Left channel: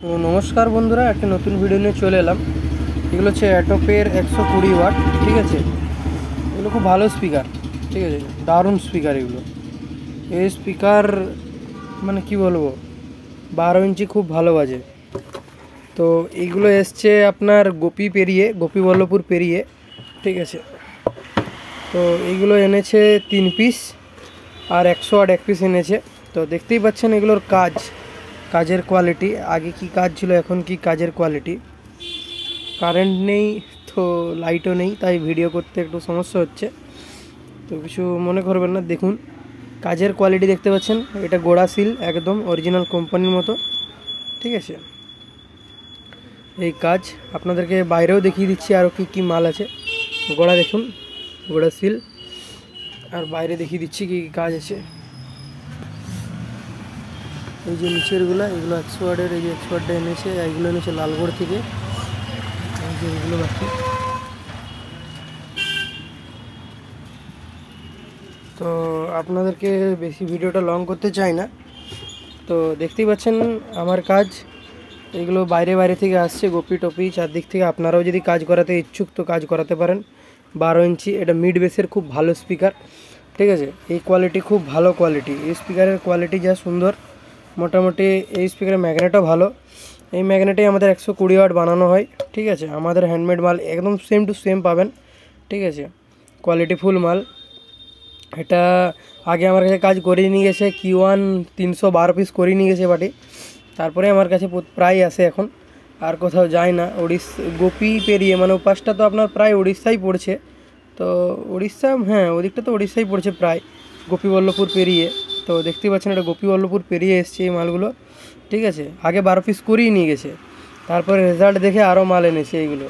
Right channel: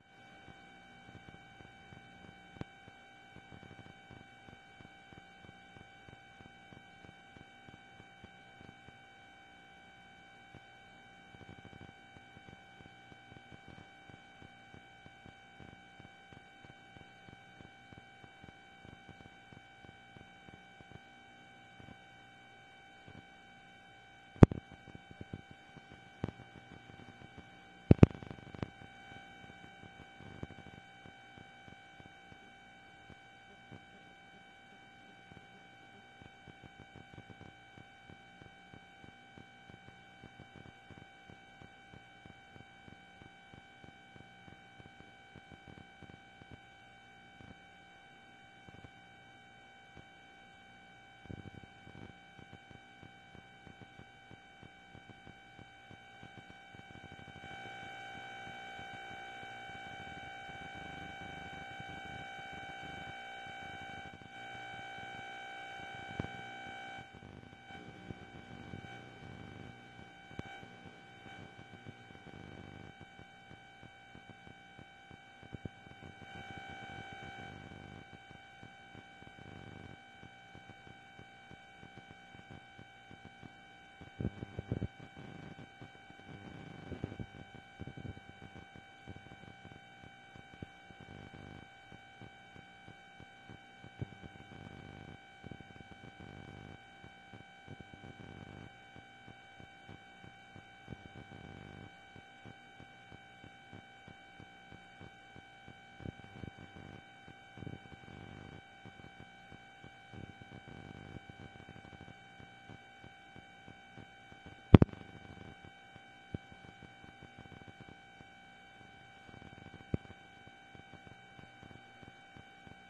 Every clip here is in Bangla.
তো নমস্কার বন্ধুরা, একটা নতুন ভিডিও নিয়ে চলে এলাম। এগুলো হচ্ছে অ্যাটোপের 120 ওয়াট, ঠিক আছে। এগুলো খুব ভালো স্পিকার, ঠিক আছে, দারুণ স্পিকার এগুলো। এই স্পিকার মানে কি বলবো, 12 ইঞ্চি খুব ভালো বাজে। তো এইগুলো এসছে আপনার গোপীবল্লভপুর পেরিয়ে, ঠিক আছে। তো এইগুলো এনেছে 3 পিস আর 100 ওয়াট 1 পিস এনেছে। তো দেখতেই পাচ্ছেন এগুলোর কাজের কোয়ালিটি, আগে কি কাজ ছিল এখন কি কাজের কোয়ালিটি। কারেন্ট নেই তো লাইটও নেই, তাই ভিডিও করতে একটু সমস্যা হচ্ছে, তো কিছু মনে করবেন না। দেখুন কাজের কোয়ালিটি দেখতে পাচ্ছেন, এটা গোড়া সিল একদম অরিজিনাল কোম্পানির মতো, ঠিক আছে। এই কাজ আপনাদেরকে বাইরেও দেখিয়ে দিচ্ছি আরও কি কি মাল আছে। গোড়া দেখুন, গোড়া সিল, আর বাইরে দেখিয়ে দিচ্ছি কি কি কাজ আছে। এই যে নিচেরগুলো, এগুলো 100 ওয়াটের, এই যে 100 ওয়াটটা এনেছে, এইগুলো এনেছে লালগড় থেকে। এই যে এগুলো বাকি। তো আপনাদেরকে বেশি ভিডিওটা লং করতে চাই না। তো দেখতেই পাচ্ছেন আমার কাজ, এগুলো বাইরে থেকে আসছে, গোপী টপি চারদিক থেকে। আপনারাও যদি কাজ করাতে ইচ্ছুক তো কাজ করাতে পারেন। 12 ইঞ্চি, এটা মিড বেসের খুব ভালো স্পিকার, ঠিক আছে। এই কোয়ালিটি খুব ভালো কোয়ালিটি, এই স্পিকারের কোয়ালিটি যা সুন্দর, মোটামুটি এই স্পিকারের ম্যাগনেটও ভালো। এই ম্যাগনেটেই আমাদের 120 ওয়াট বানানো হয়, ঠিক আছে। আমাদের হ্যান্ডমেড মাল একদম সেম টু সেম পাবেন, ঠিক আছে, কোয়ালিটিফুল মাল। এটা আগে আমার কাছে কাজ করিয়ে নিয়ে গেছে Q1 312 পিস করিয়ে নিয়ে গেছে বাটি, তারপরে আমার কাছে প্রায় আসে এখন, আর কোথাও যায় না। গোপী পেরিয়ে মানে ওপাশটা তো আপনার প্রায় উড়িষ্যাই পড়ছে। তো উড়িষ্যা, হ্যাঁ ওদিকটা তো উড়িষ্যাই পড়ছে প্রায়, গোপীবল্লভপুর পেরিয়ে। তো দেখতেই পাচ্ছেন এটা গোপীবল্লভপুর পেরিয়ে এসছে এই মালগুলো, ঠিক আছে। আগে 12 পিস করিয়ে নিয়ে গেছে, তারপরে রেজাল্ট দেখে আরও মাল এনেছে এইগুলো।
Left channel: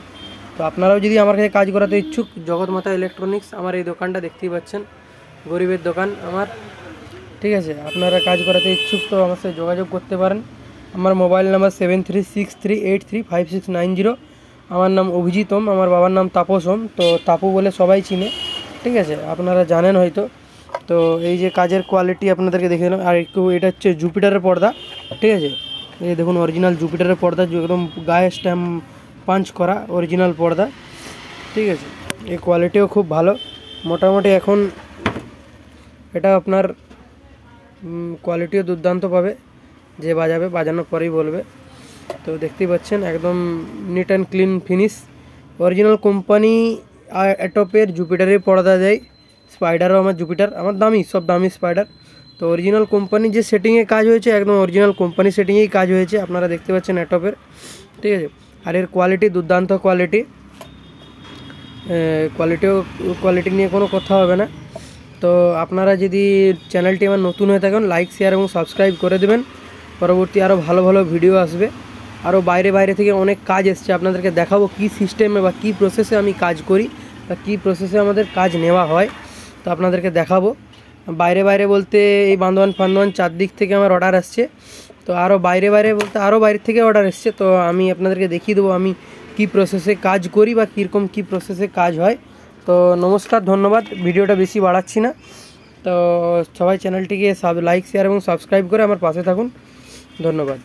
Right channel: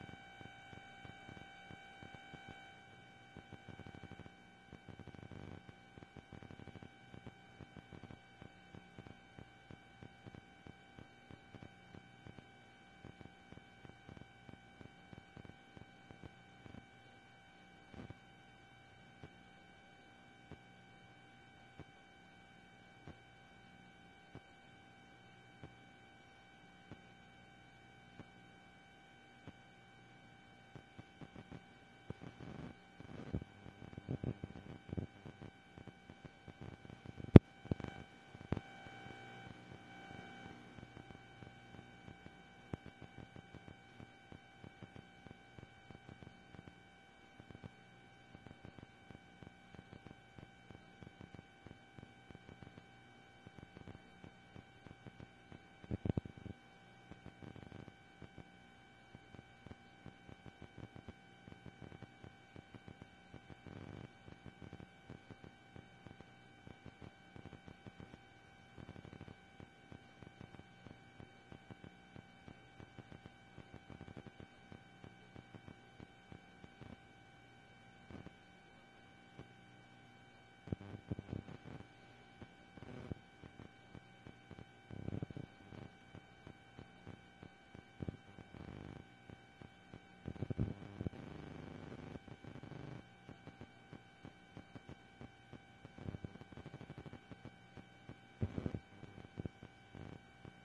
তো আপনারাও যদি আমার কাছে কাজ করাতে ইচ্ছুক, জগৎমাতা ইলেকট্রনিক্স আমার এই দোকানটা দেখতেই পাচ্ছেন, গরিবের দোকান আমার, ঠিক আছে। আপনারা কাজ করাতে ইচ্ছুক তো আমার সাথে যোগাযোগ করতে পারেন। আমার মোবাইল নাম্বার 7363835690। আমার নাম অভিজিতম, আমার বাবার নাম তাপসম, তো তাপু বলে সবাই চিনে, ঠিক আছে, আপনারা জানেন হয়তো। তো এই যে কাজের কোয়ালিটি আপনাদেরকে দেখে দিলাম। আর একটু এটা হচ্ছে জুপিটারের পর্দা, ঠিক আছে। এই দেখুন অরিজিনাল জুপিটারের পর্দা, একদম গায়ে স্ট্যাম্প পাঞ্চ করা অরিজিনাল পর্দা, ঠিক আছে। এই কোয়ালিটিও খুব ভালো, মোটামুটি এখন এটা আপনার কোয়ালিটিও দুর্দান্ত পাবে, যে বাজাবে বাজানোর পরেই বলবে। তো দেখতেই পাচ্ছেন একদম neat and clean finish, original company. অ্যাটোপের জুপিটারের পর্দা দেয়, স্পাইডারও আমার জুপিটার, আমার দামি, সব দামি স্পাইডার। তো অরিজিনাল কোম্পানি যে সেটিংয়ে কাজ হয়েছে, একদম অরিজিনাল কোম্পানি সেটিংয়েই কাজ হয়েছে, আপনারা দেখতে পাচ্ছেন অ্যাটোপের, ঠিক আছে। আর এর কোয়ালিটি দুর্দান্ত কোয়ালিটি, কোয়ালিটি নিয়ে কোনো কথা হবে না। তো আপনারা যদি চ্যানেলটি আমার নতুন হয়ে থাকেন, লাইক শেয়ার এবং সাবস্ক্রাইব করে দেবেন। পরবর্তী আরও ভালো ভালো ভিডিও আসবে, আরও বাইরে থেকে অনেক কাজ এসছে, আপনাদেরকে দেখাবো কী সিস্টেমে বা কী প্রসেসে আমি কাজ করি বা কী প্রসেসে আমাদের কাজ নেওয়া হয়, তো আপনাদেরকে দেখাবো। বাইরে বলতে এই বান্দোয়ান চারদিক থেকে আমার অর্ডার আসছে। তো আরও বাইরে বলতে আরও বাইরে থেকে অর্ডার এসছে, তো আমি আপনাদেরকে দেখিয়ে দেবো আমি কী প্রসেসে কাজ করি বা কীরকম কী প্রসেসে কাজ হয়। তো নমস্কার, ধন্যবাদ, ভিডিওটা বেশি বাড়াচ্ছি না। তো সবাই চ্যানেলটিকে লাইক শেয়ার এবং সাবস্ক্রাইব করে আমার পাশে থাকুন, ধন্যবাদ।